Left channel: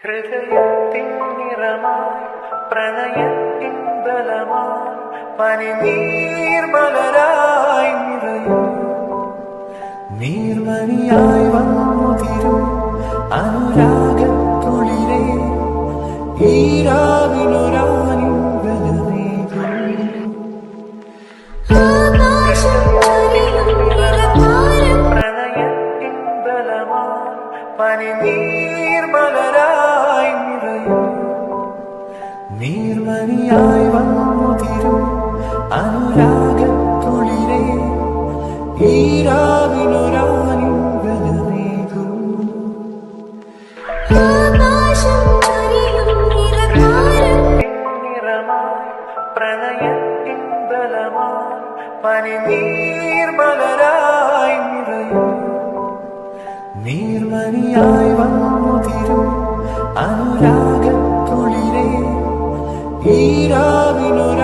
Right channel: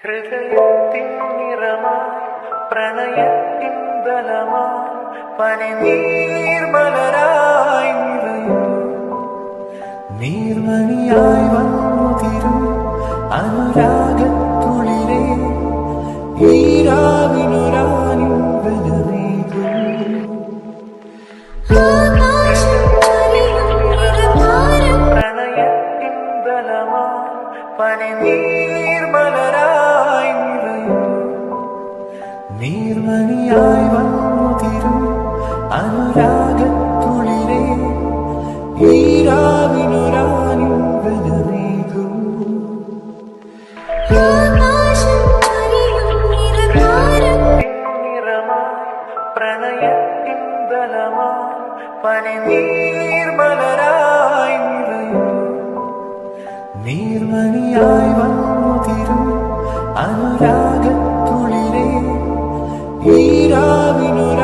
ഹൃദയത്തിൻ നിറമായി പ്രണയത്തിൻ ബലമായി പനിനീർമലരായി നിറയും. നീർമണിയായി വന്നുതിരും അനുരാഗത്തുളിരേ നിറതാരം പ്രണയത്തിൻ ബലമായി പനിനീർമലരായി നീർമണിയായി വന്നുതിരും അനുരാഗത്തുളിരേ നിറമായി പ്രണയത്തിൻ ബലമായി പനിനീർമലരായി നിറയും. നീർമണിയായി വന്നുതിരും അനുരാഗത്തുളിരേ Mira, vino